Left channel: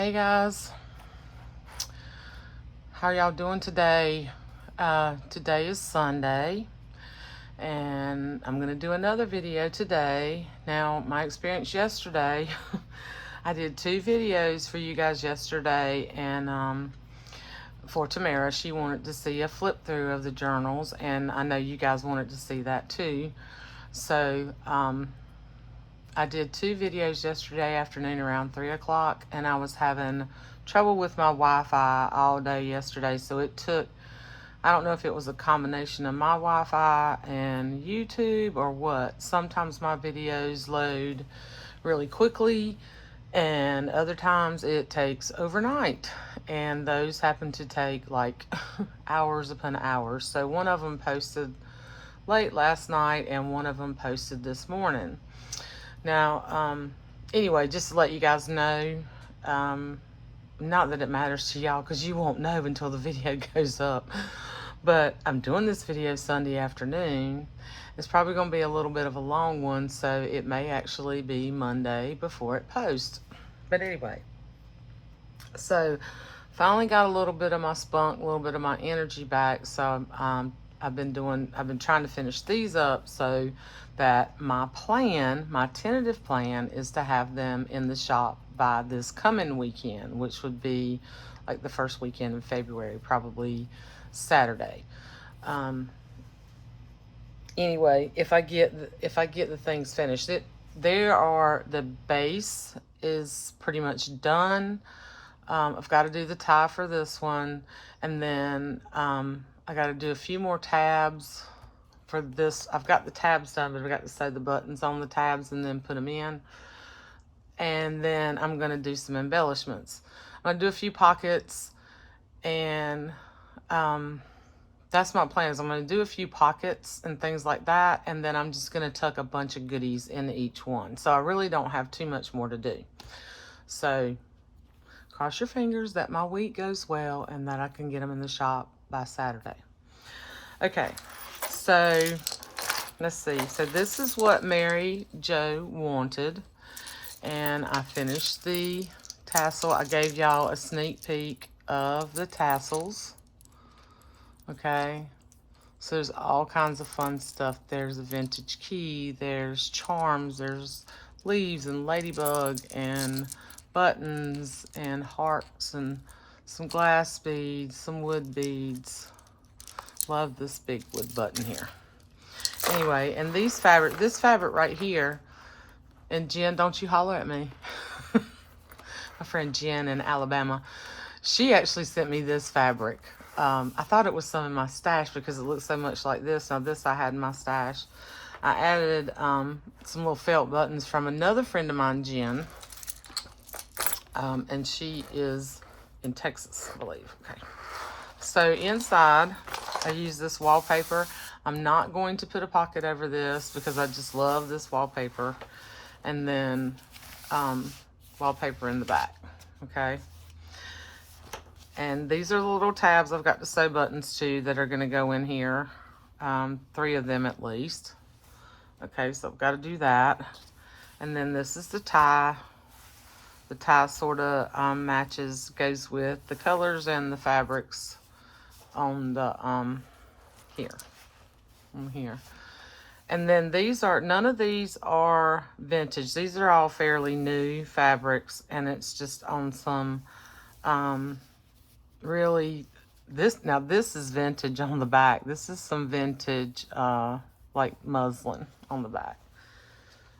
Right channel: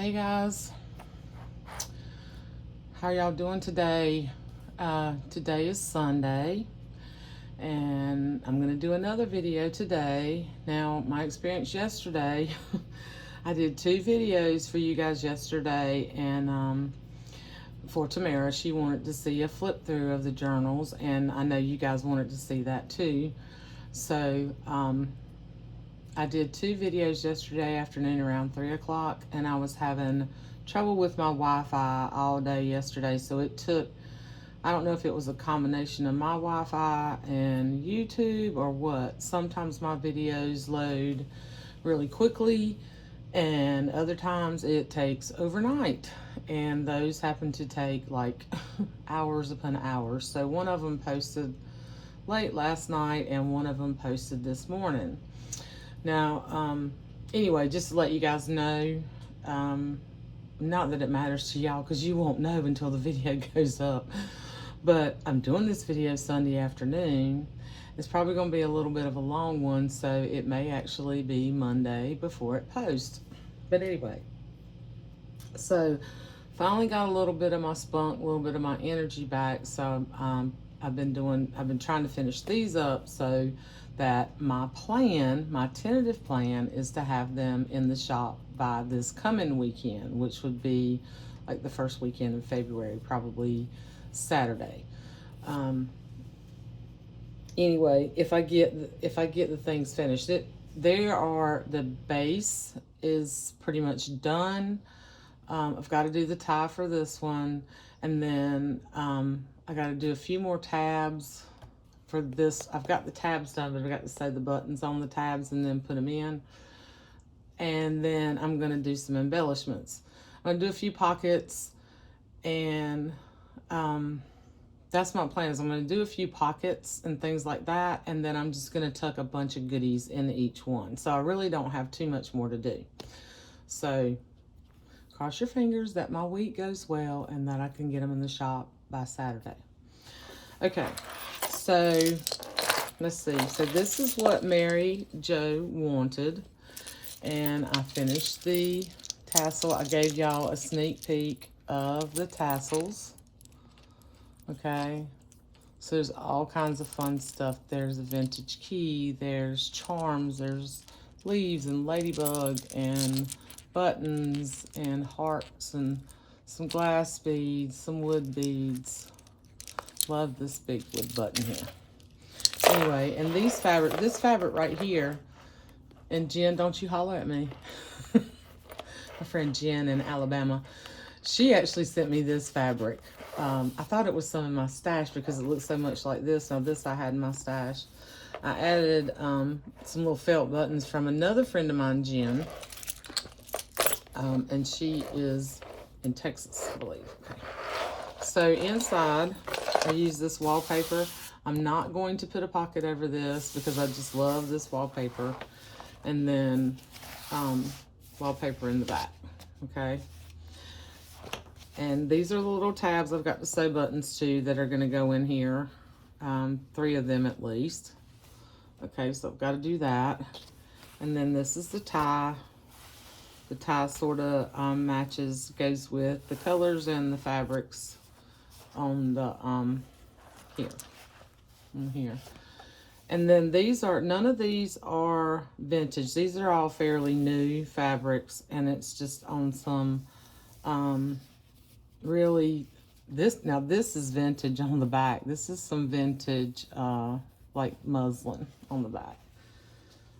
Hey guys, how y'all doing today? Today is Sunday, and I'm gonna do another video today. Now, my experience yesterday, I did 2 videos for you guys yesterday, and for Tamara, she wanted to see a flip through of the journals, and I know you guys wanted to see that too. So, I did 2 videos yesterday afternoon around 3 o'clock, and I was having trouble with my Wi-Fi all day yesterday, so it took, I don't know if it was a combination of my Wi-Fi and YouTube or what. Sometimes my videos load really quickly, and other times it takes overnight, and those happen to take like hours upon hours. So one of them posted late last night, and one of them posted this morning. Now, anyway, just to let you guys know, not that it matters to y'all because you won't know until the video goes up, but I'm doing this video Sunday afternoon. It's probably going to be a little bit of a long one, so it may actually be Monday before it posts. But anyway, so finally got a little bit of my spunk, a little bit of my energy back. So I've been trying to finish these up so that my tentative plan is to have them in the shop by this coming weekend, which would be like the first weekend in February, probably Saturday. Anyway, if I get the things finished, the base is pretty much done. I've got to do the tie for this one, and then I got to do a few more tabs for this. I've got the tabs done, but I've got to sew the buttons on the tabs and then put them in. And then I'm going to do some embellishments. I'm going to do a few pockets, and that's my plan. Is I'm going to do a few pockets and things like that, and then I'm just going to tuck a bunch of goodies into each one. So I really don't have too much more to do. So cross your fingers that my week goes well and that I can get them in the shop by Saturday. Okay, so let's see. So this is what Mary Jo wanted, and I finished the tassel. I gave y'all a sneak peek of the tassels. Okay, so there's all kinds of fun stuff. There's a vintage key, there's charms, there's leaves and ladybug and buttons and hearts and some glass beads, some wood beads. Love this big wood button here. Anyway, and this fabric right here, and Jen, don't you holler at me. My friend Jen in Alabama, she actually sent me this fabric. I thought it was some in my stash because it looks so much like this. Now this I had in my stash. I added some little felt buttons from another friend of mine, Jen. And she is in Texas, I believe. Okay. So inside, I use this wallpaper. I'm not going to put a pocket over this because I just love this wallpaper. And then wallpaper in the back, okay? And these are the little tabs I've got to sew buttons to that are gonna go in here. 3 of them at least. Okay, so I've got to do that. And then this is the tie. The tie sort of goes with the colors and the fabrics on the here. And then none of these are vintage. These are all fairly new fabrics, and it's just on some really this is vintage on the back. This is some vintage like muslin on the back,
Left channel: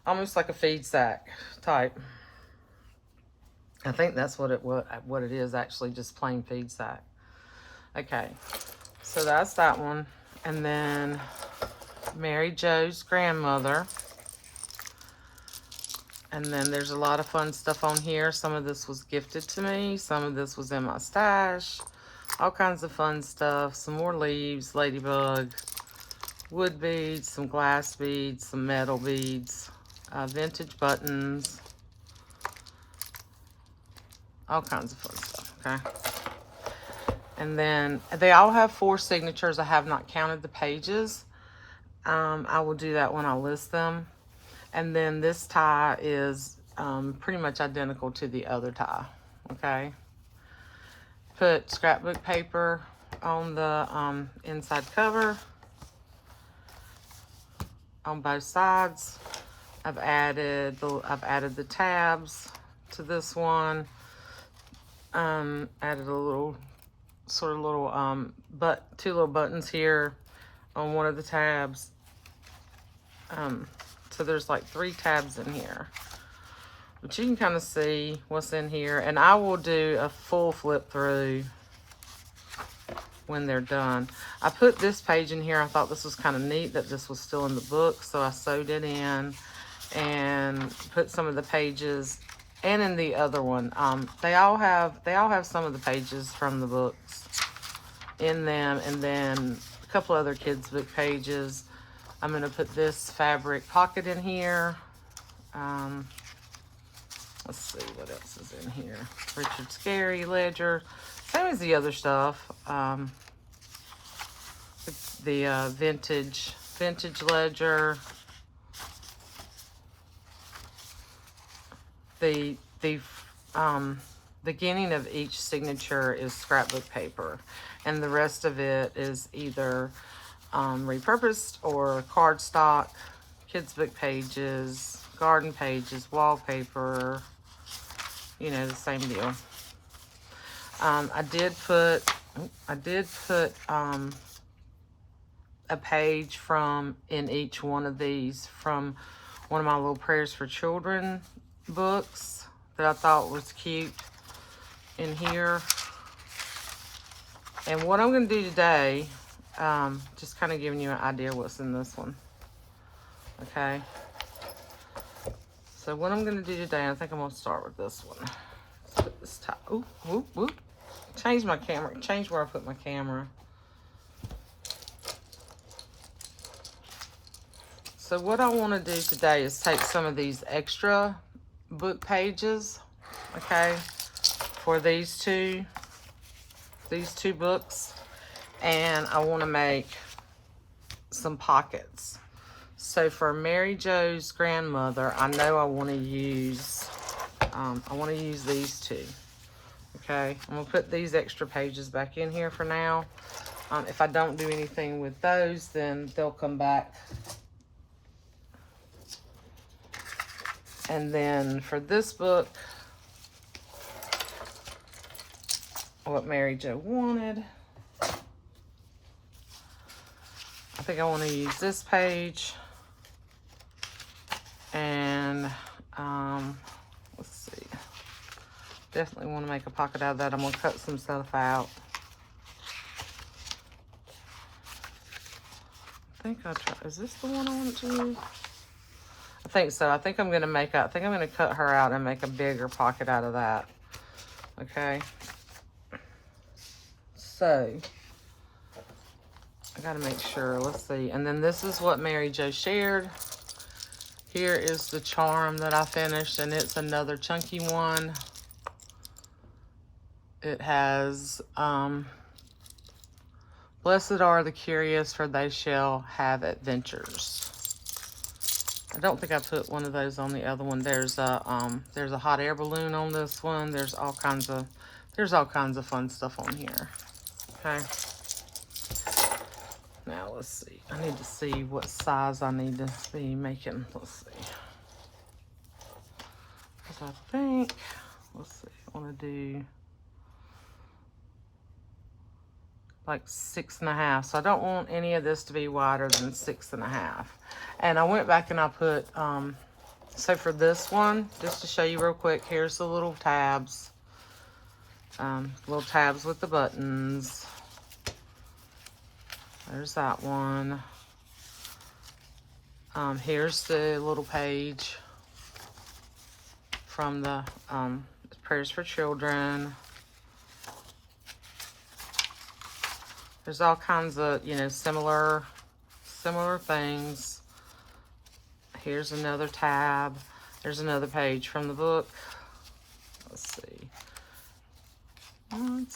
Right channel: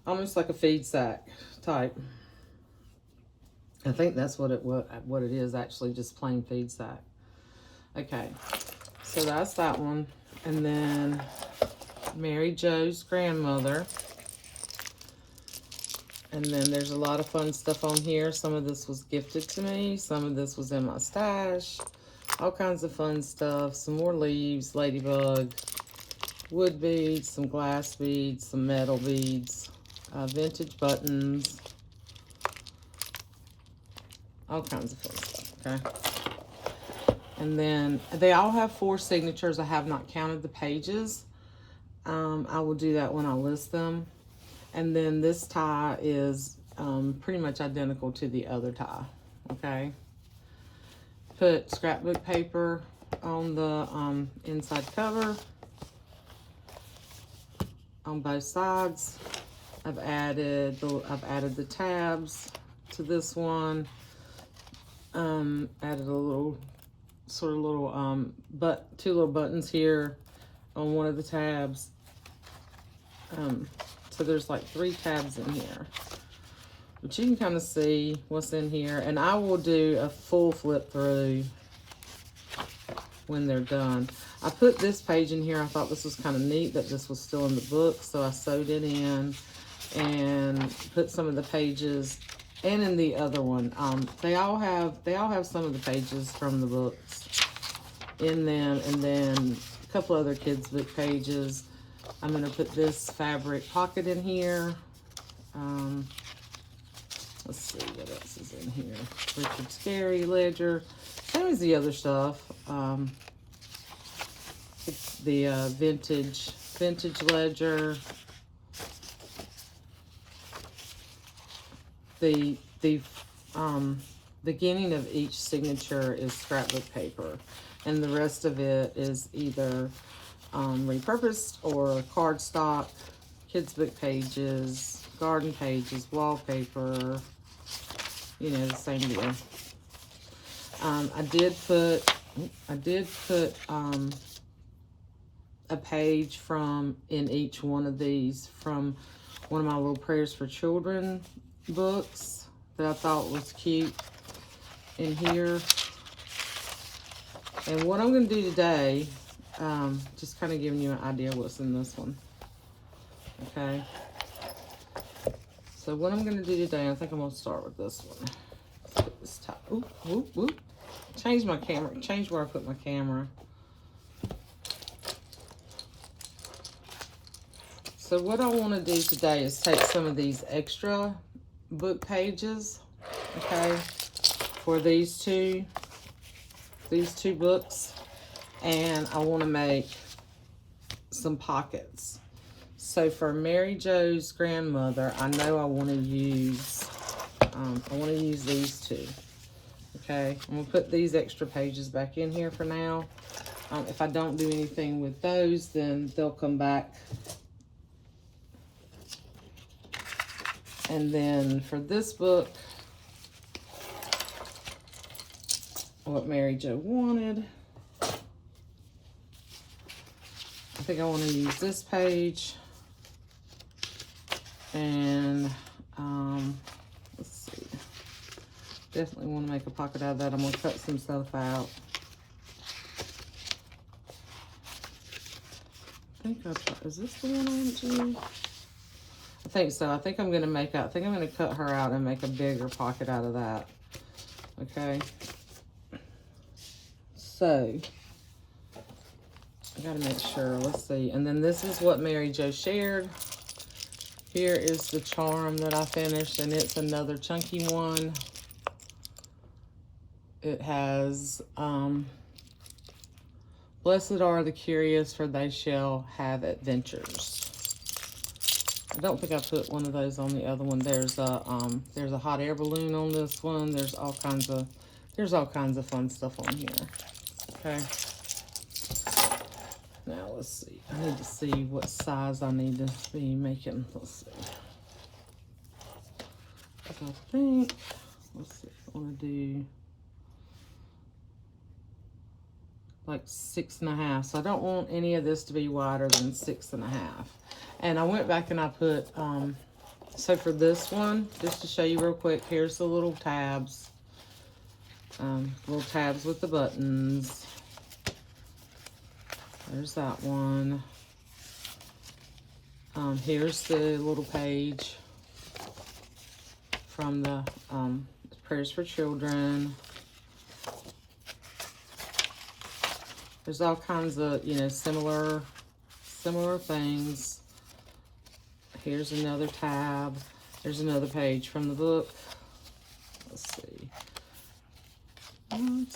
almost like a feed sack type. I think that's what it is, actually, just plain feed sack. Okay, so that's that one. And then Mary Jo's grandmother. And then there's a lot of fun stuff on here. Some of this was gifted to me. Some of this was in my stash. All kinds of fun stuff. Some more leaves, ladybug, wood beads, some glass beads, some metal beads, vintage buttons. All kinds of fun stuff, okay? And then they all have 4 signatures. I have not counted the pages. I will do that when I list them. And then this tie is pretty much identical to the other tie, okay? Put scrapbook paper on the inside cover on both sides. I've added the tabs to this one. Added a little two little buttons here on one of the tabs. So there's like 3 tabs in here, but you can kind of see what's in here, and I will do a full flip through when they're done. I put this page in here. I thought this was kind of neat that this was still in the book, so I sewed it in and put some of the pages, and in the other one, they all have some of the pages from the books in them, and then a couple other kids book pages. I'm gonna put this fabric pocket in here. Let's see what else is in here. Richard's Carrie ledger, same as the other stuff. The vintage ledger. The beginning of each signature is scrapbook paper, and the rest of it is either repurposed or cardstock, kids book pages, garden pages, wallpaper, you know, the same deal. I did put a page from in each one of these from one of my little Prayers for Children books that I thought was cute in here. And what I'm going to do today, just kind of giving you an idea what's in this one. Okay. So what I'm going to do today, I think I'm going to start with this one. Let's put this top. Ooh, ooh, ooh. Change my camera. Change where I put my camera. So what I want to do today is take some of these extra book pages, okay, for these two books, and I want to make some pockets. So for Mary Jo's grandmother, I know I want to use these two. Okay, I'm gonna put these extra pages back in here for now. If I don't do anything with those, then they'll come back. And then for this book, what Mary Jo wanted, I think I want to use this page. And let's see, definitely want to make a pocket out of that. I'm going to cut some stuff out. I think is this the one I want to use? I think so. I think I'm going to cut her out and make a bigger pocket out of that. Okay. So, I got to make sure. Let's see. And then this is what Mary Jo shared. Here is the charm that I finished, and it's another chunky one. It has, blessed are the curious, for they shall have adventures. I don't think I put one of those on the other one. There's a hot air balloon on this one. There's all kinds of fun stuff on here. Okay. Now let's see. I need to see what size I need to be making. Let's see. Because I think, let's see, I want to do like 6.5. So I don't want any of this to be wider than 6.5. And I went back and I put, so for this one, just to show you real quick, here's the little tabs. Little tabs with the buttons. There's that one. Here's the little page from the Prayers for Children. There's all kinds of, you know, similar things. Here's another tab. There's another page from the book. Let's see. And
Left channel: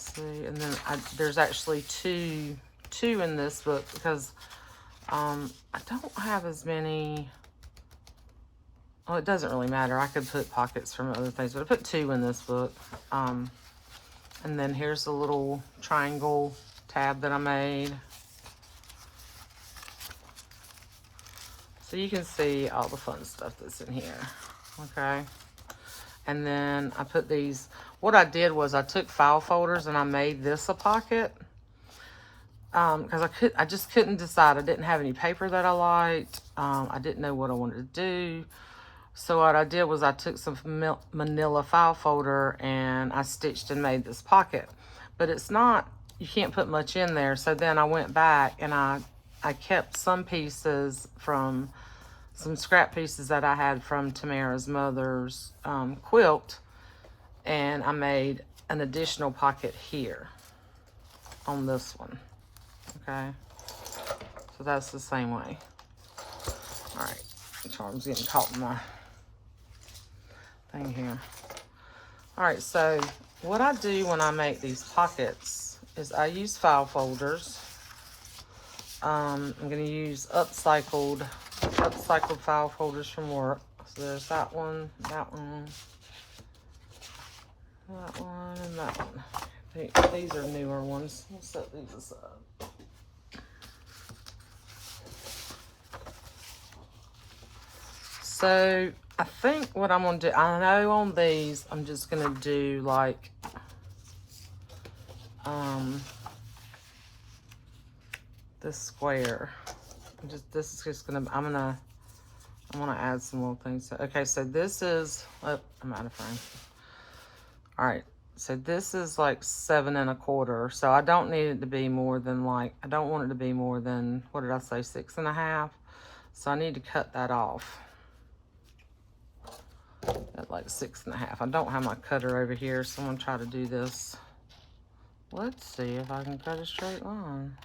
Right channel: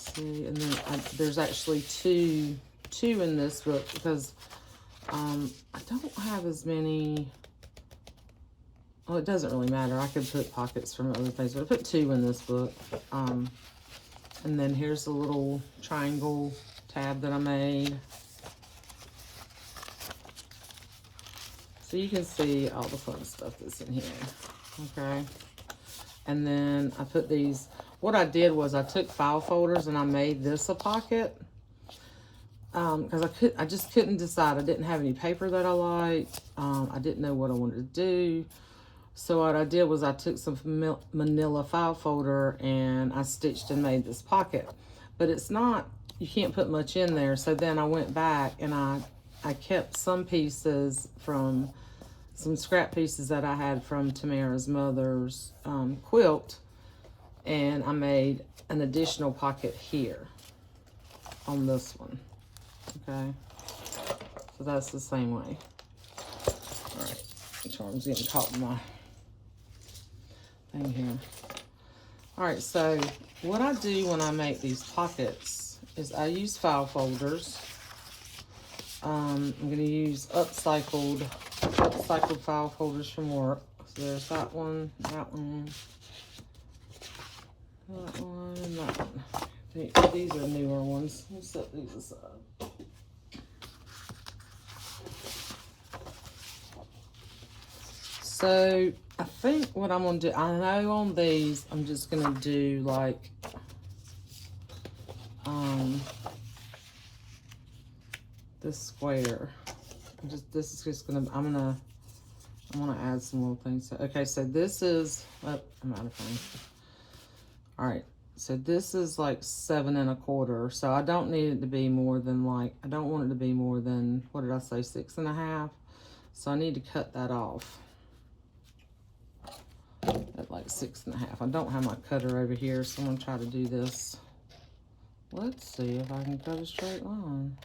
then there's actually two in this book because I don't have as many. well, it doesn't really matter. I could put pockets from other things, but I put 2 in this book. And then here's the little triangle tab that I made. So you can see all the fun stuff that's in here, okay? And then I put these, what I did was I took file folders and I made this a pocket. Because I just couldn't decide. I didn't have any paper that I liked. I didn't know what I wanted to do. So what I did was I took some manila file folder and I stitched and made this pocket. But it's not, you can't put much in there. So then I went back and I kept some pieces from, some scrap pieces that I had from Tamara's mother's quilt. And I made an additional pocket here on this one. Okay, so that's the same way. All right, charm's getting caught in my thing here. All right, so what I do when I make these pockets is I use file folders. I'm gonna use upcycled file folders from work. So there's that one, that one, that one, and that one. These are newer ones. I'll set these aside. So I think what I'm gonna do, I know on these, I'm just gonna do like, this square. This is just gonna, I'm gonna add some little things. Okay, so this is, oh, I'm out of frame. All right, so this is like 7 1/4. So I don't need it to be more than like, I don't want it to be more than, what did I say, 6 1/2. So I need to cut that off at like 6 1/2. I don't have my cutter over here, so I'm gonna try to do this. Let's see if I can cut a straight line.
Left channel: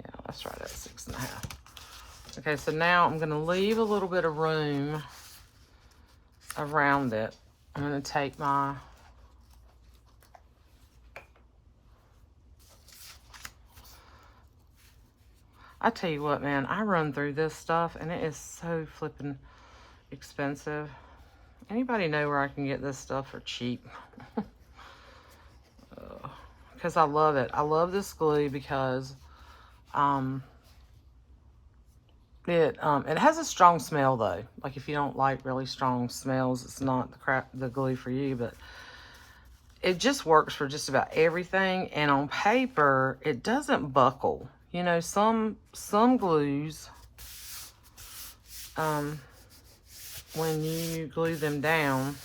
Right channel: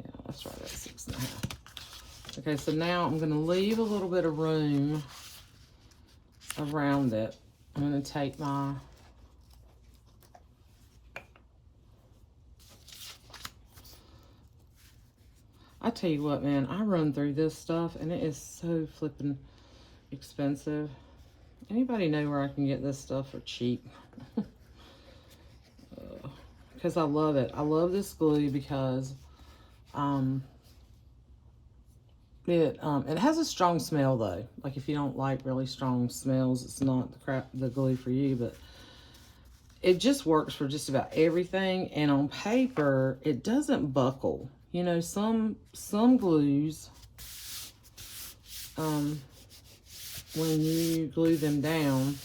Yeah, that's right at 6 1/2. Okay, so now I'm gonna leave a little bit of room around it. I'm gonna take my, I tell you what, man, I run through this stuff and it is so flipping expensive. Anybody know where I can get this stuff for cheap? Because I love it. I love this glue because it has a strong smell though. Like if you don't like really strong smells, it's not the glue for you, but it just works for just about everything. And on paper, it doesn't buckle. You know, some glues, when you glue them down,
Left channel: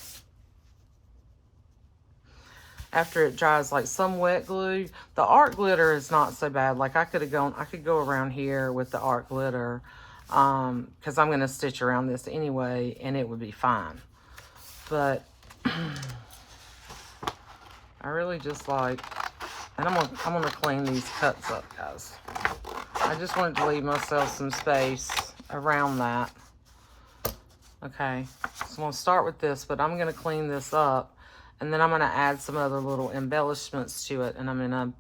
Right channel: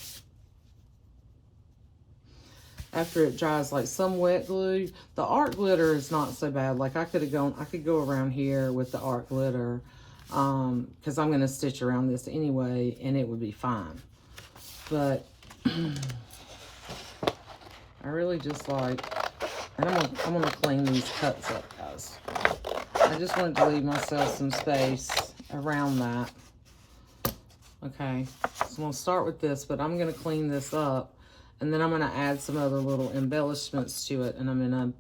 after it dries, like some wet glue, the art glitter is not so bad. Like I could go around here with the art glitter, because I'm gonna stitch around this anyway, and it would be fine. But I really just like, and I'm gonna clean these cuts up, guys. I just wanted to leave myself some space around that. Okay, so I'm gonna start with this, but I'm gonna clean this up, and then I'm gonna add some other little embellishments to it, and I'm gonna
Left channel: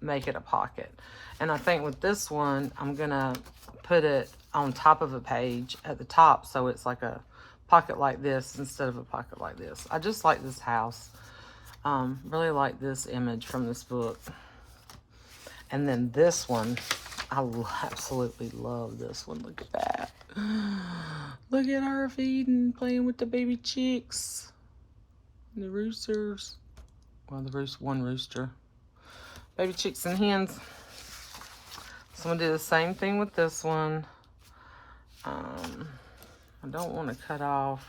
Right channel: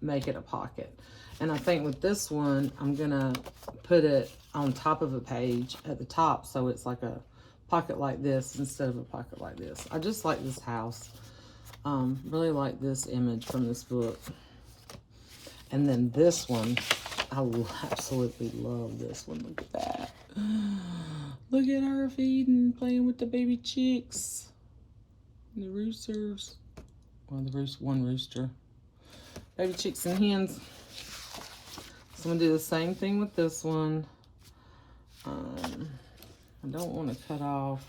make it a pocket. And I think with this one, I'm gonna put it on top of a page at the top, so it's like a pocket like this instead of a pocket like this. I just like this house. Really like this image from this book. And then this one, I absolutely love this one. Look at that. Look at her feeding, playing with the baby chicks. And the roosters. Well, one rooster. Baby chicks and hens. So I'm gonna do the same thing with this one. I don't want to cut off.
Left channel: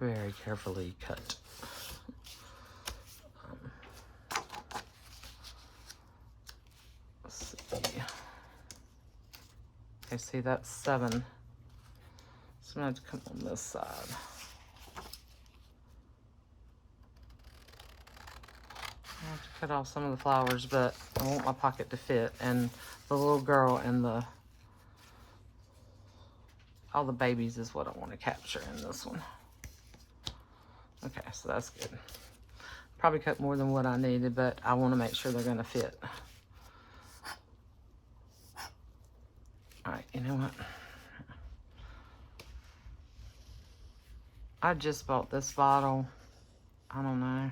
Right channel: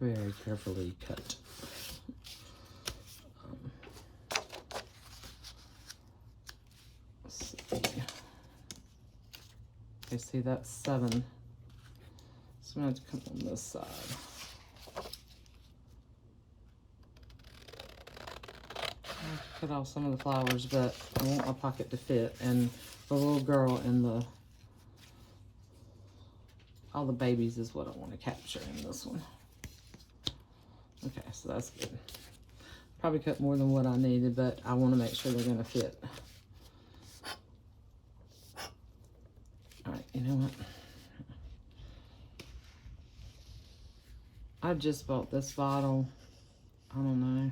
Very carefully cut. Let's see. Okay, see that's 7. So I'm gonna have to come on this side. I have to cut off some of the flowers, but I want my pocket to fit, and the little girl and all the babies is what I want to capture in this one. Okay, so that's good. Probably cut more than what I needed, but I want to make sure they're going to fit. All right, you know what? I just bought this bottle. I don't know.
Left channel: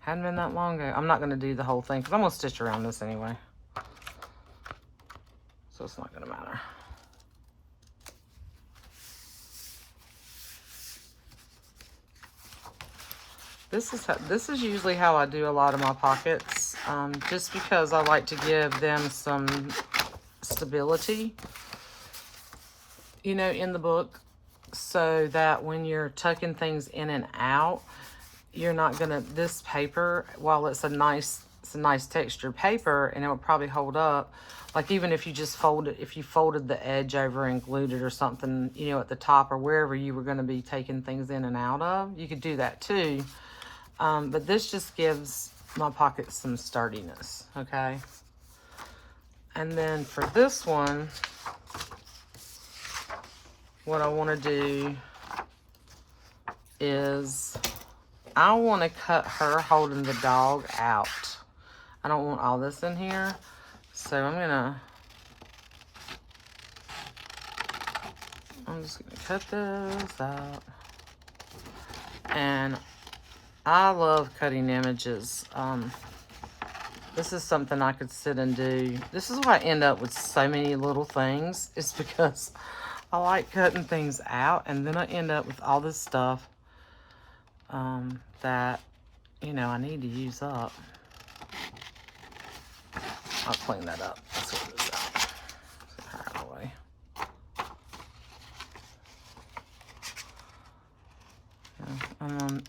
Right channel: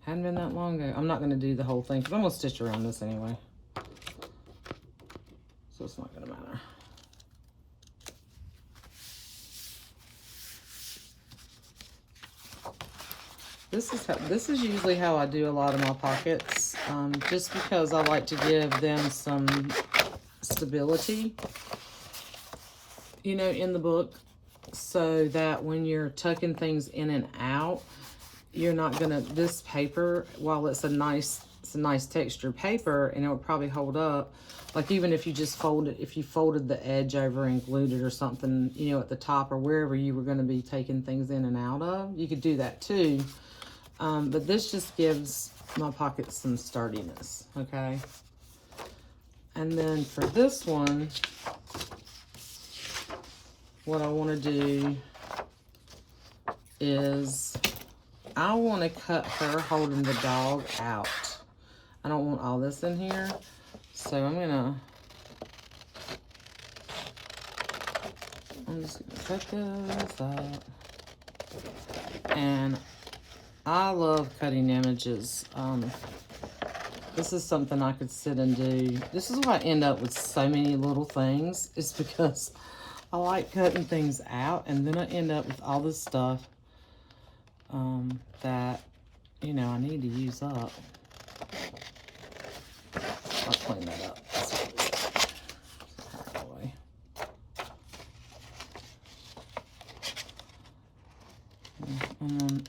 Hadn't been that long ago. I'm not going to do the whole thing because I'm going to stitch around this anyway. So it's not going to matter. This is usually how I do a lot of my pockets, just because I like to give them some stability, you know, in the book, so that when you're tucking things in and out, you're not gonna, this paper, while it's a nice textured paper and it will probably hold up, like even if you just if you folded the edge over and glued it or something, you know, at the top or wherever you were going to be taking things in and out of, you could do that too. But this just gives my pocket some sturdiness, okay? And then for this one, what I want to do is I want to cut her holding the dog out. I don't want all this in here, so I'm just gonna cut this out. And I love cutting images. This is something I could sit and do. This is why I end up with so many little things. It's because I like cutting things out, and then I end up with all this stuff that, you know, I need to use up. I'll clean that up. That's what it is. Away.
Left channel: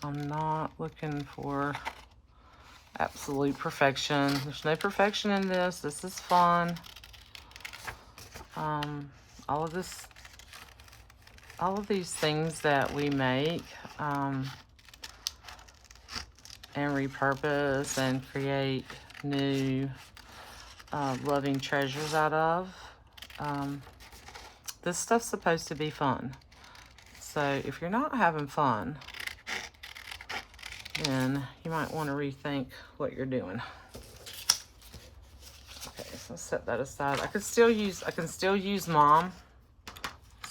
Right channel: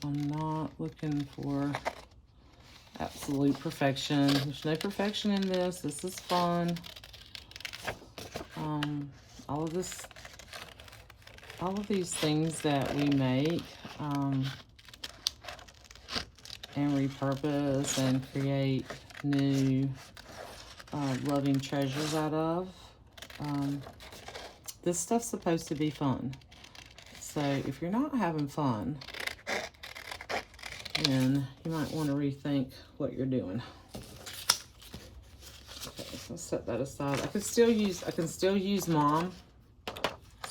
I'm not looking for absolute perfection. There's no perfection in this. This is fun. All of these things that we make and repurpose and create new loving treasures out of, this stuff's supposed to be fun. So if you're not having fun, then you might want to rethink what you're doing. Okay, so let's set that aside. I can still use Mom.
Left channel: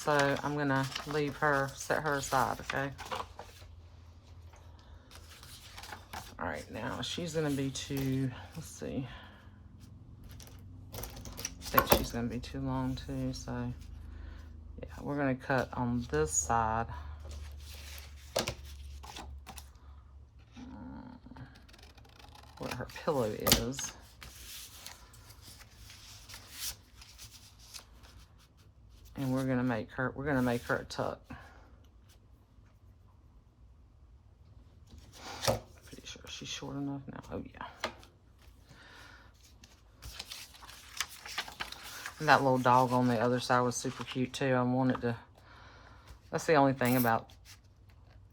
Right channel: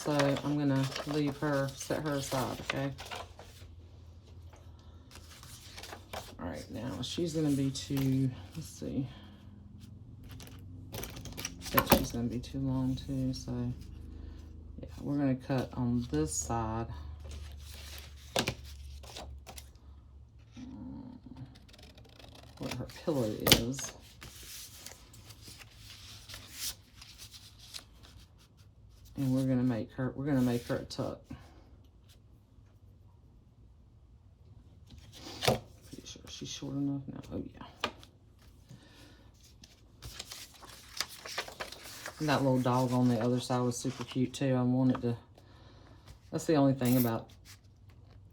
So I'm gonna leave her, set her aside, okay? All right, now she's gonna be too, let's see. I think she's gonna be too long too, so yeah, we're gonna cut on this side. What her pillow is. And we're gonna make her a tuck. Pretty sure she's short enough now. Oh yeah. And that little dog on the other side was super cute too. I wanted to, that's the only thing about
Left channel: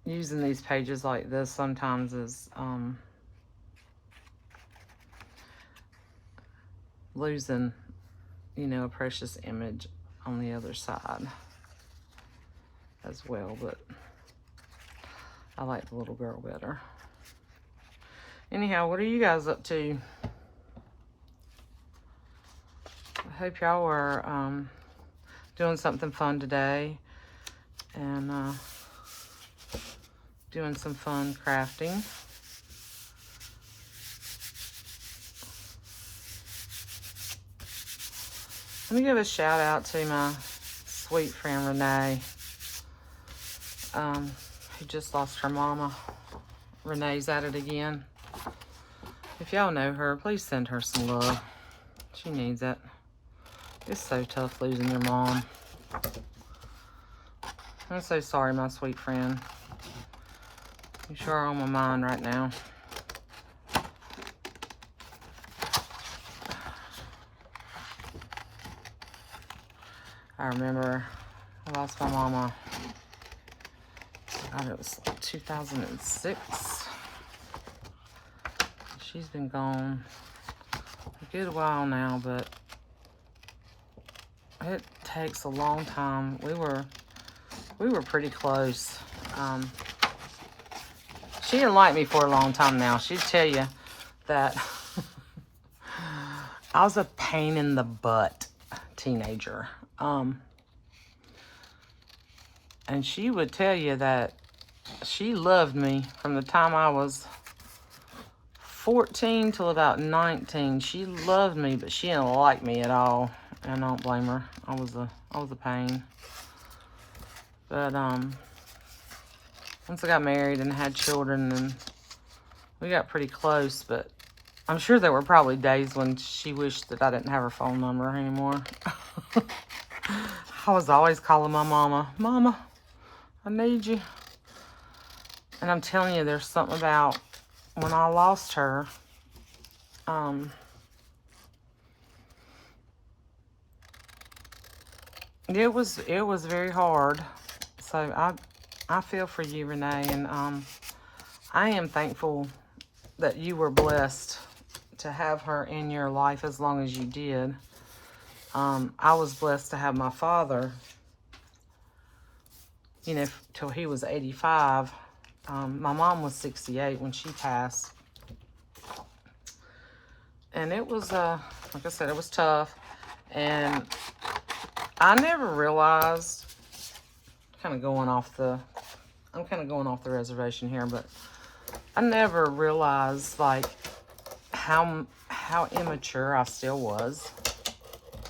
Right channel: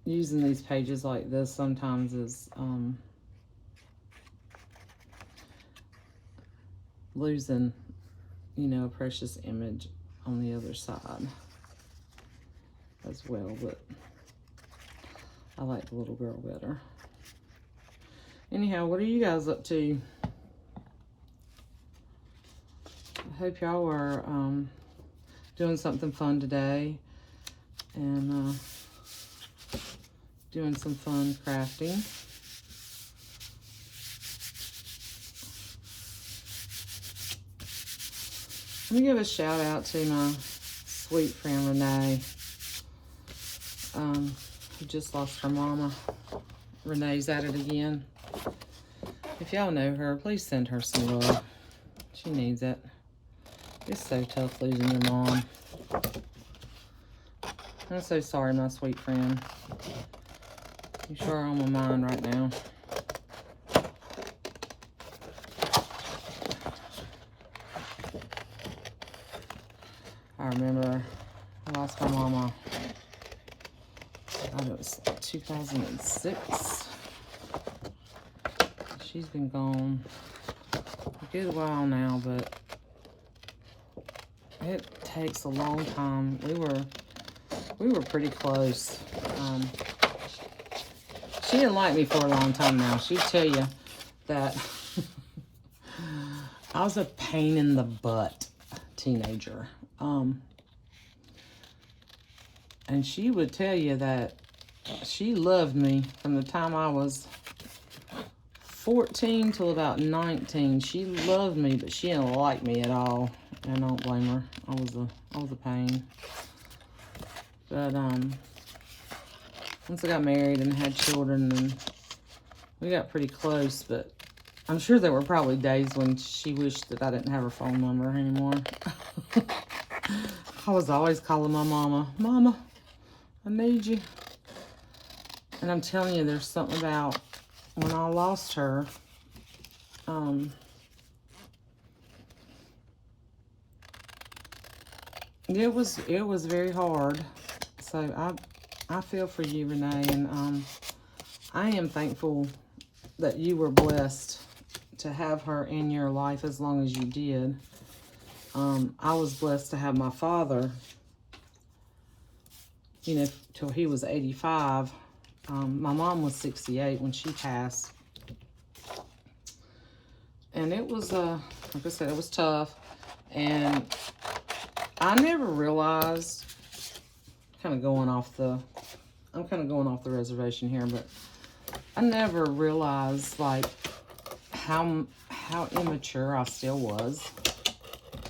using these pages like this sometimes is losing, you know, a precious image on the other side as well, but I like the little girl better. Anyhow, what are you guys up to? I hope y'all are doing something fun today and doing some fun crafting. Let me give a shout out to my sweet friend Renee, who just lost her mama. Renee's at it again. If y'all know her, please send her some love. She needs it. It's so tough losing your mom. I'm so sorry, my sweet friend. You sure are on my mind right now. I remember I lost my mama, God, it was like 2006. She's been gone a good while now, but it takes a long time. We were pretty close. she didn't like me for a long time now. She'd tell you that I was a pain in the butt teenager. And she would tell you that she loved me from the time I was 14 till about 19. She loved me, but she didn't like me at all. And I don't blame her. I was a pain. But once I got married and had children, and we got pretty close, but I'm sure there were probably days when she wished that I didn't have her phone number anymore. I was always calling my mama, Mama, I need you. And I'm telling you, there's something about when I lost her, it was very hard. So I feel for you, Renee, and I am thankful that you were blessed to have her in your life as long as you did. I was blessed to have my father, you know, till he was 85. My mom was 68 when she passed. And it was, like I said, it was tough. And I never realized, I'm kind of going off the reservation here, but I never realized, like, how immature I still was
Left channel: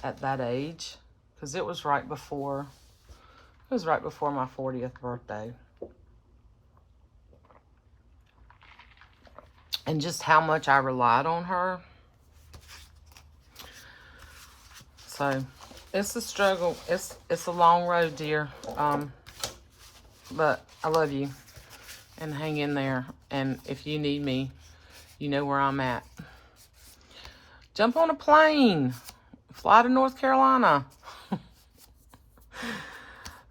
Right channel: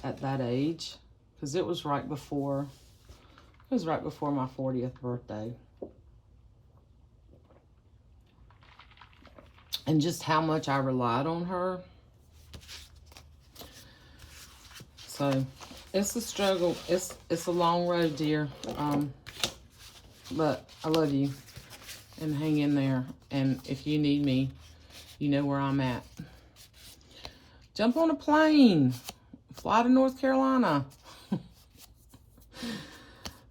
at that age. Because it was right before my 40th birthday. And just how much I relied on her. So, it's a struggle. It's a long road, dear. But I love you. And hang in there. And if you need me, you know where I'm at. Jump on a plane. Fly to North Carolina.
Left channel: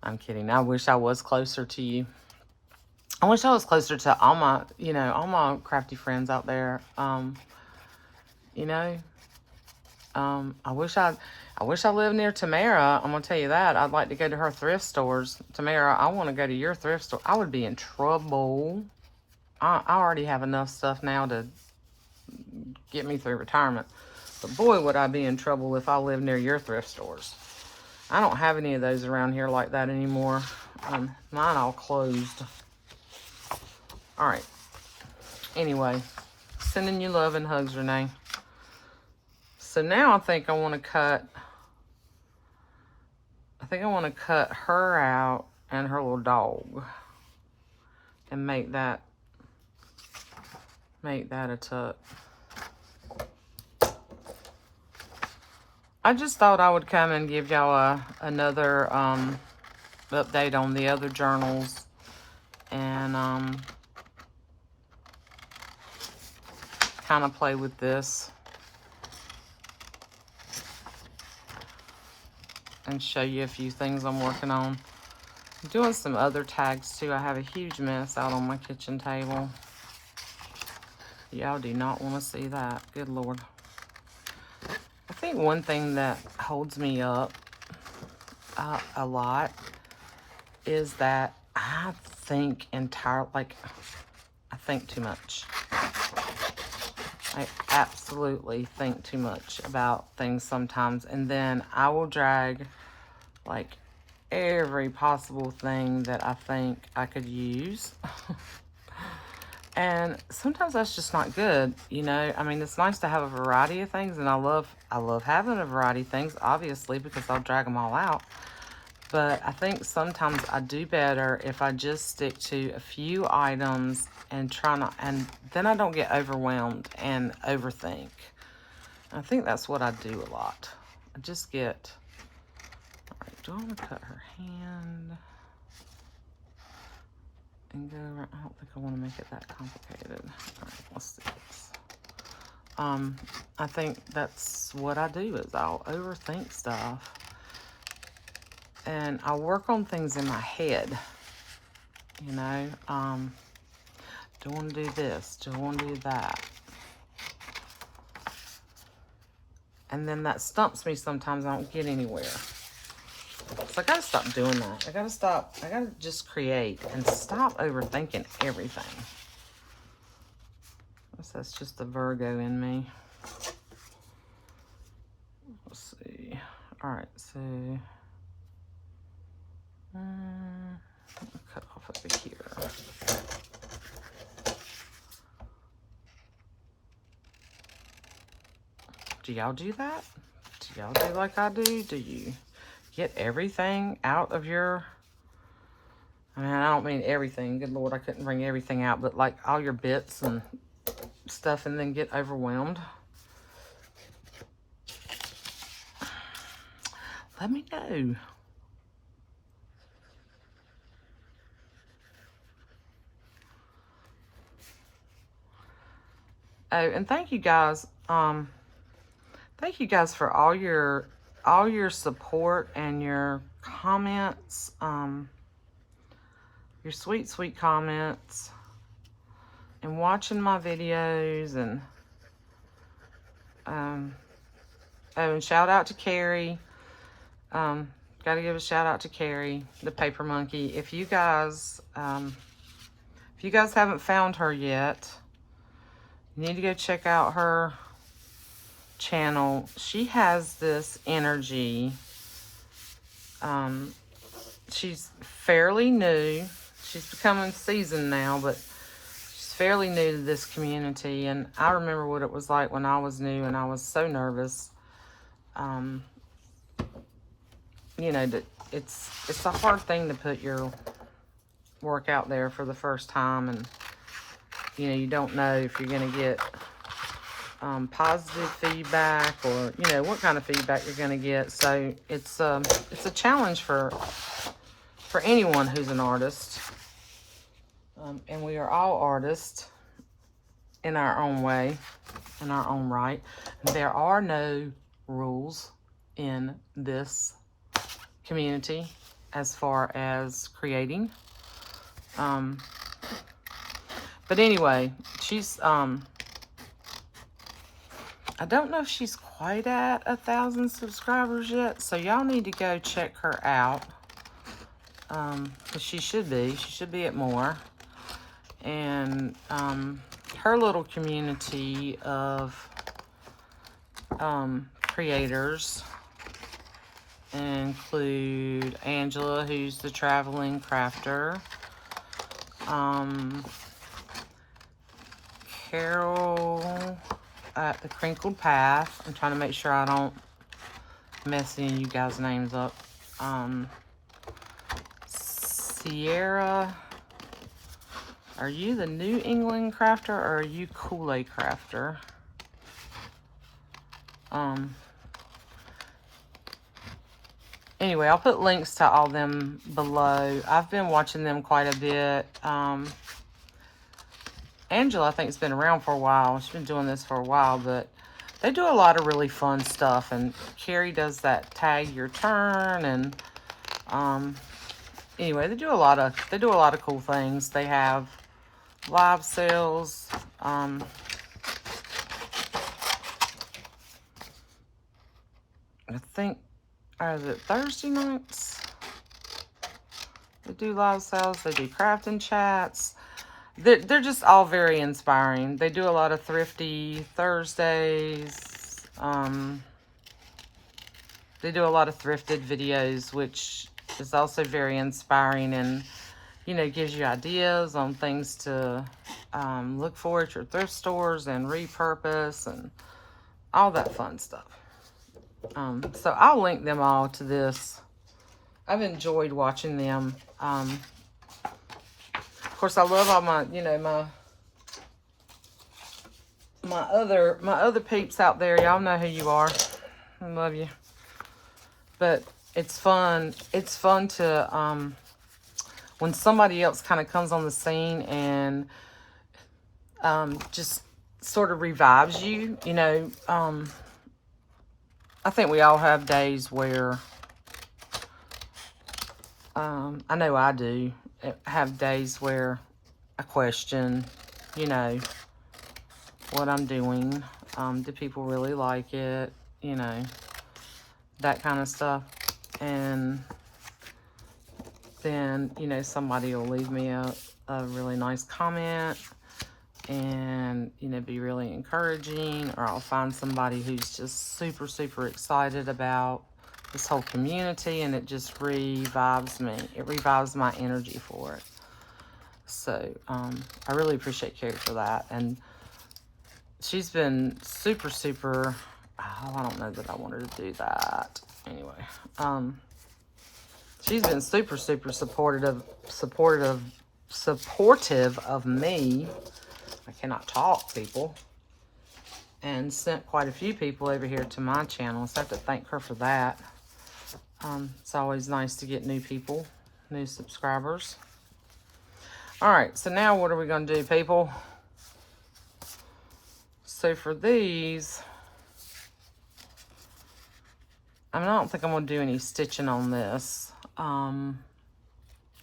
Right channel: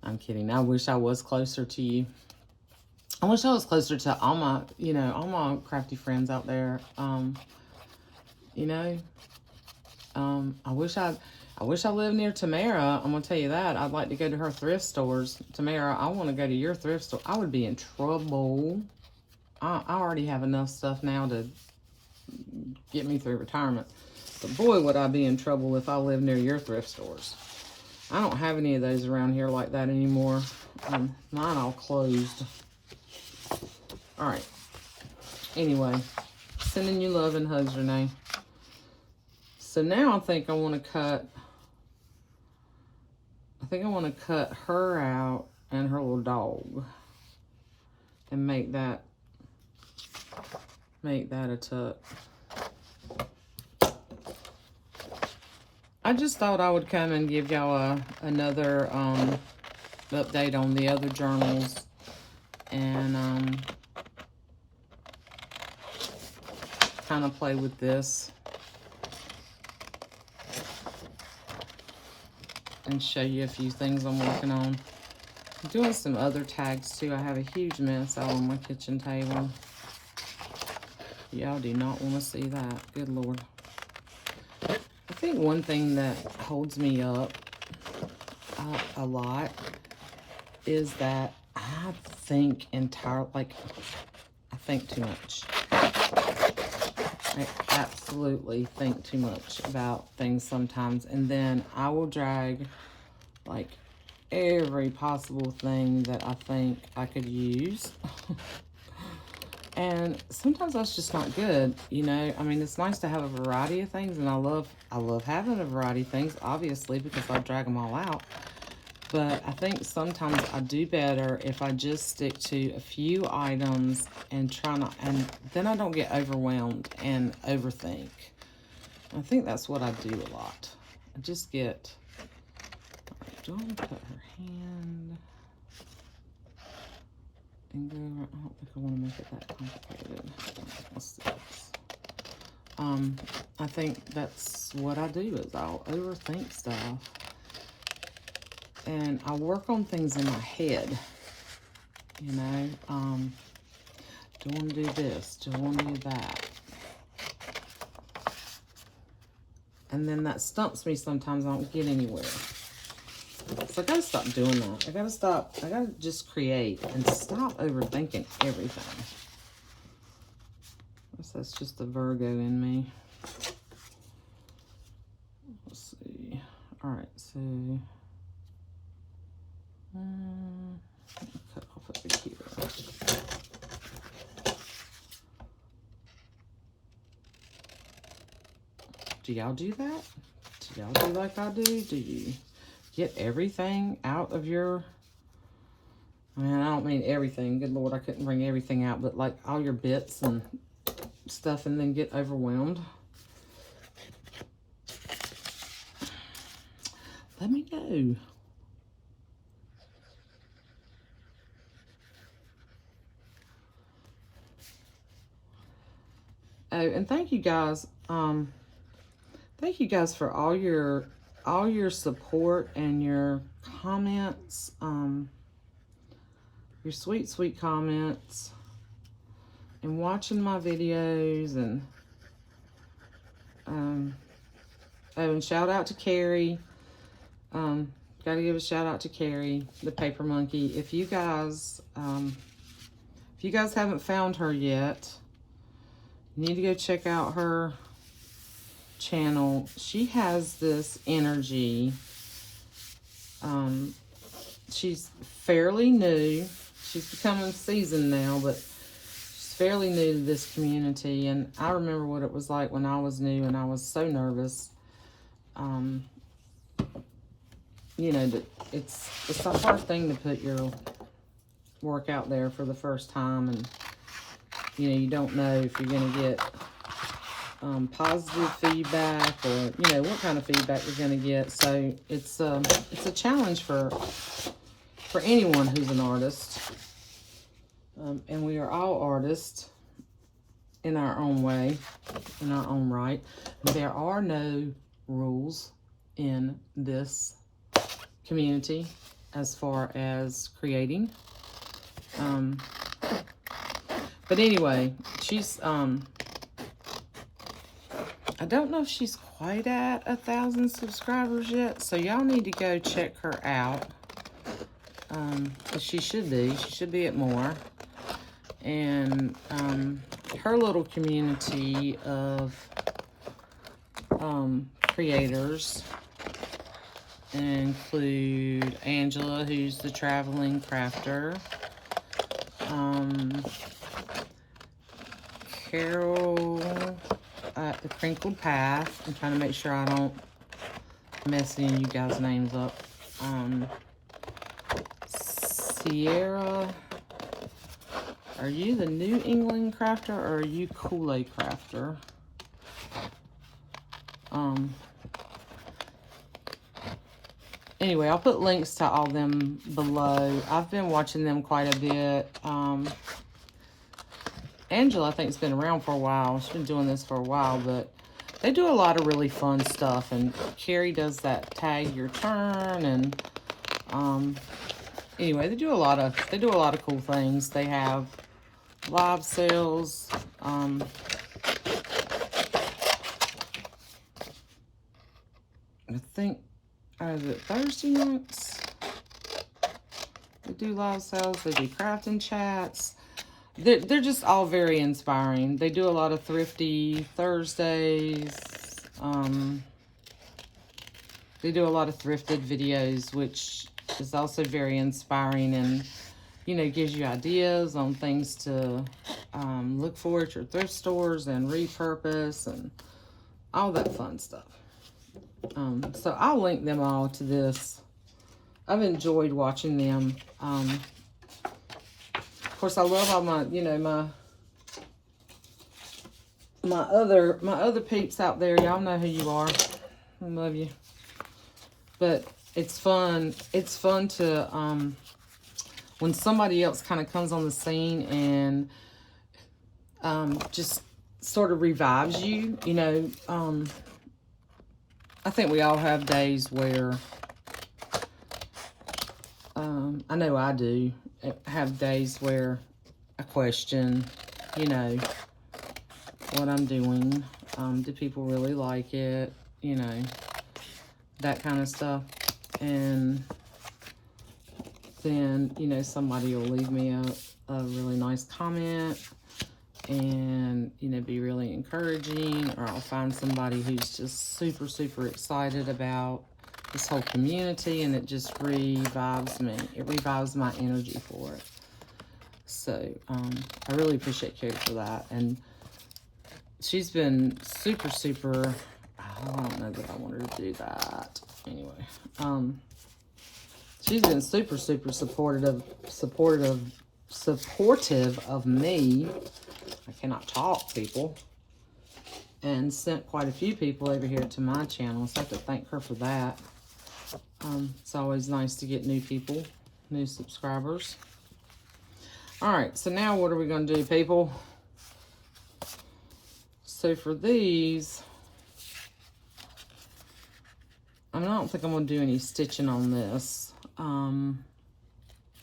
I'm kidding. I wish I was closer to you. I wish I was closer to all my, all my crafty friends out there. I wish I lived near Tamara. I'm going to tell you that. I'd like to go to her thrift stores. Tamara, I want to go to your thrift store. I would be in trouble. I already have enough stuff now to get me through retirement. But boy, would I be in trouble if I lived near your thrift stores. I don't have any of those around here like that anymore. Mine all closed. All right. Anyway, sending you love and hugs, Renee. So now I think I want to cut her out and her little dog and make that a tuck. I just thought I would come and give y'all another update on the other journals, and kind of play with this and show you a few things I'm working on. I'm doing some other tags too. I have a huge mess out on my kitchen table. Y'all do not want to see that. Good Lord. I think one thing that holds me up a lot is that I think I think too much. I absolutely think too much about things sometimes, and then I will drag like every possible thing that I think I could use. And sometimes that's just not good, I mean, it's nice to have a variety of things, and I love having a variety of things, obviously, because I'll drag them all out. But I think sometimes I do better if I just stick to a few items and and then I don't get overwhelmed and overthink. I think that's what I do a lot. I just get, all right, do I want to cut her hand and go around? I don't think I want to make it that complicated. All right, let's do this. I think that's what I do, is I'll overthink stuff. And I work on things in my head, do I want to do this? Do I want to do that? And then that stumps me sometimes. I don't get anywhere. So I got to stop doing that. I got to just create and stop overthinking everything. that's just the Virgo in me. Let's see. All right, so cut off over here. Do y'all do that? Do y'all do like I do? Do you get everything out of your... I mean, I don't mean everything. Good Lord, I couldn't bring everything out, but like all your bits and stuff and then get overwhelmed. Let me know. Oh, and thank you guys. Thank you guys for all your support and your comments. Your sweet, sweet comments, and watching my videos, and oh, and shout out to Carrie. Got to give a shout out to Carrie, the paper monkey. If you guys haven't found her yet, you need to go check out her channel. She has this energy. She's fairly new. She's becoming seasoned now, but she's fairly new to this community. And I remember what it was like when I was new and I was so nervous. You know, that it's a hard thing to put your work out there for the first time, and you know, you don't know if you're going to get positive feedback, or you know what kind of feedback you're going to get. So it's a challenge for anyone who's an artist, and we are all artists in our own way, in our own right. There are no rules in this community as far as creating. But anyway, she's I don't know if she's quite at 1,000 subscribers yet, so y'all need to go check her out. Because she should be at more. And her little community of creators include Angela, who's the traveling crafter, Carol at the Crinkled Path. I'm trying to make sure I don't mess any of you guys' names up. Sierra, are you the New England crafter, or are you Coulee crafter? Anyway, I'll put links to all them below. I've been watching them quite a bit. Angela, I think, has been around for a while. She's been doing this for a while, but they do a lot of really fun stuff. And Carrie does that tag your turn, and anyway, they do a lot of cool things. They have live sales. I think, is it Thursday nights? They do live sales. They do crafting chats. They're just all very inspiring. They do a lot of thrifty Thursdays. They do a lot of thrifted videos, which is also very inspiring, and you know, gives you ideas on things to look for at your thrift stores and repurpose and all that fun stuff. So I'll link them all to this. I've enjoyed watching them. Of course, I love all my, you know, my other peeps out there. Y'all know who you are. I love you. But it's fun. It's fun to when somebody else kind of comes on the scene and just sort of revives you. You know, I think we all have days where I know I do. Have days where I question, you know, what I'm doing. Do people really like it? You know, that kind of stuff. And then, you know, somebody will leave me a really nice comment, and, you know, be really encouraging, or I'll find somebody who's just super, super excited about this whole community, and it just revives me. It revives my energy for it. So, I really appreciate Carrie for that. And she's been super, super, oh, I don't know that I want her to do that. Anyway, she's been super, super supportive of me. I cannot talk, people. And sent quite a few people over here to my channel, so I have to thank her for that. It's always nice to get new people, new subscribers. All right, so now what are we going to do, people? So for these, I don't think I'm going to do any stitching on this. I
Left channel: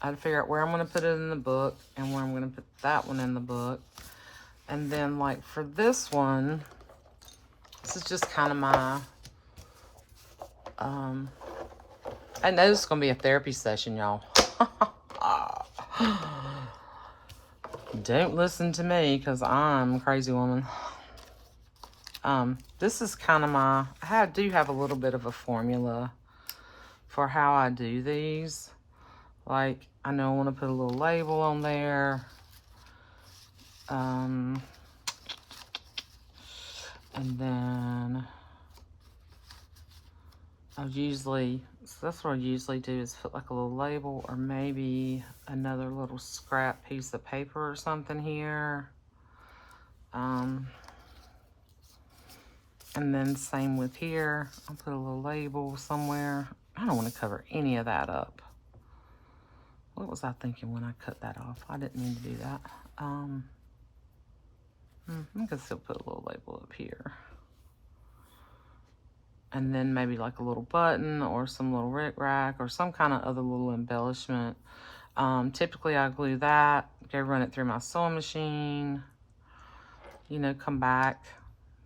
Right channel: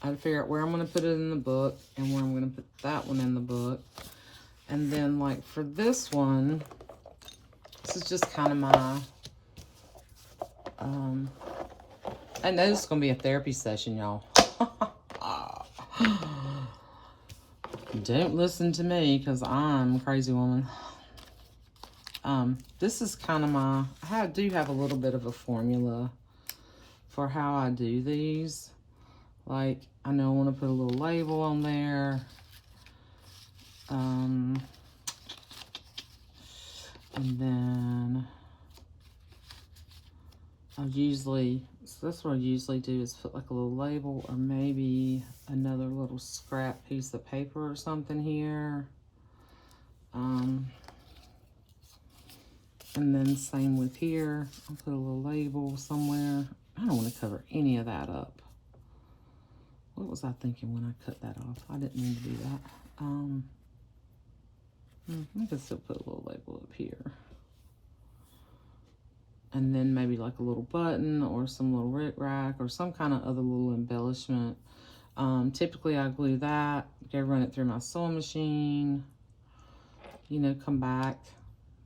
had to figure out where I'm going to put it in the book and where I'm going to put that one in the book. And then, like, for this one, this is just kind of my, I know this is going to be a therapy session, y'all. Don't listen to me, because I'm a crazy woman. This is kind of my, I do have a little bit of a formula for how I do these. Like, I know I want to put a little label on there. And then I usually, so that's what I usually do, is put like a little label, or maybe another little scrap piece of paper or something here. And then same with here. I'll put a little label somewhere. I don't want to cover any of that up. What was I thinking when I cut that off? I didn't mean to do that. I can still put a little label up here. And then maybe like a little button, or some little rickrack, or some kind of other little embellishment. Typically I glue that, go run it through my sewing machine, you know, come back,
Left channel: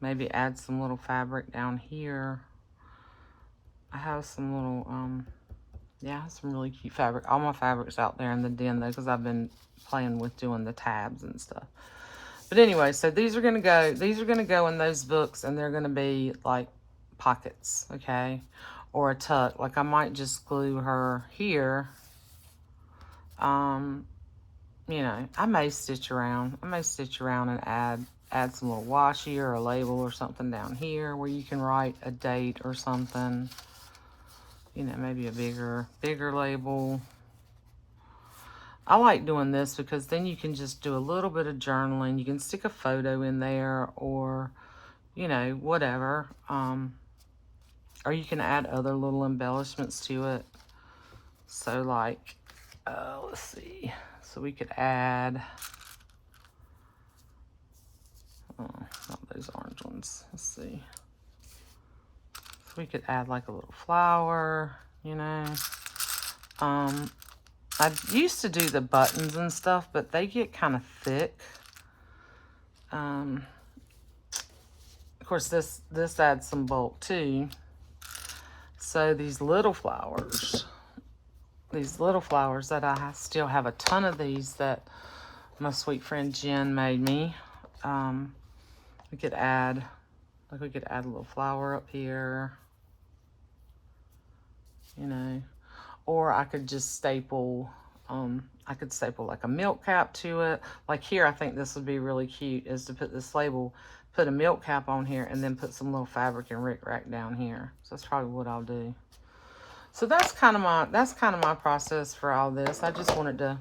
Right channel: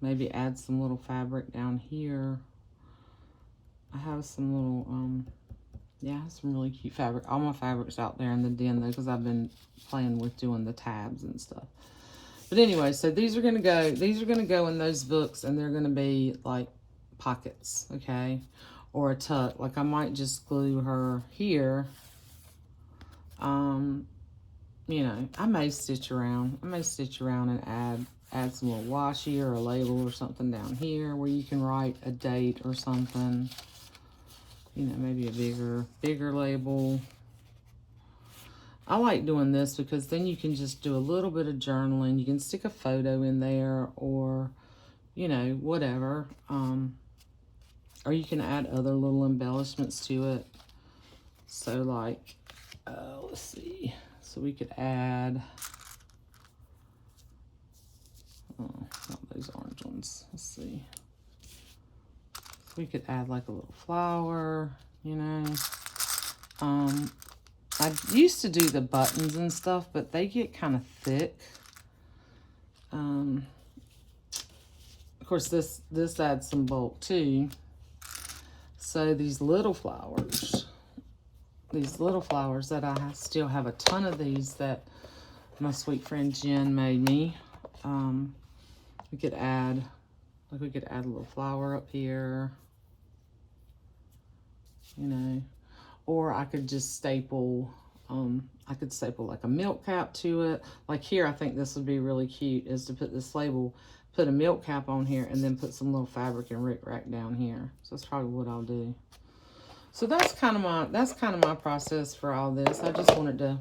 maybe add some little fabric down here. I have some little, yeah, some really cute fabric. All my fabric's out there in the den though, because I've been playing with doing the tabs and stuff. But anyway, so these are gonna go in those books, and they're gonna be like pockets, okay? Or a tuck. Like, I might just glue her here. You know, I may stitch around. And add some little washi or a label or something down here where you can write a date or something. You know, maybe a bigger label. I like doing this because then you can just do a little bit of journaling. You can stick a photo in there, or, you know, whatever. Or you can add other little embellishments to it. So like, let's see. So we could add, not those orange ones. Let's see. So we could add like a little flower, you know. I used to do the buttons and stuff, but they get kind of thick. Of course, this adds some bulk too. So these little flowers that I still have a ton of these that my sweet friend Jen made me. We could add a little flower up here, you know, or I could just staple, like a milk cap to it. Like here, I think this would be really cute, is to put this label, put a milk cap on here, and then put some little fabric and rickrack down here. So that's probably what I'll do. So that's kind of my process for all this. I just wanted to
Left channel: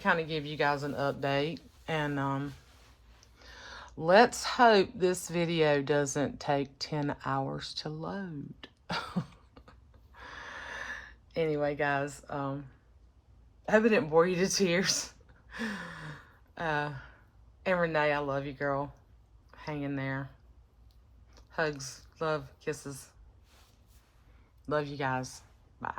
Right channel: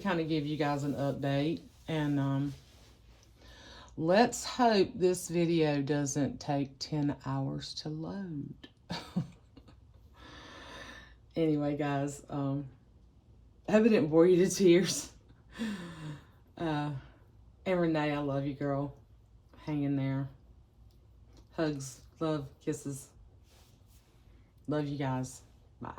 kind of give you guys an update, and let's hope this video doesn't take 10 hours to load. Anyway, guys, I hope it didn't bore you to tears. And Renee, I love you, girl. Hang in there. Hugs, love, kisses. Love you guys. Bye.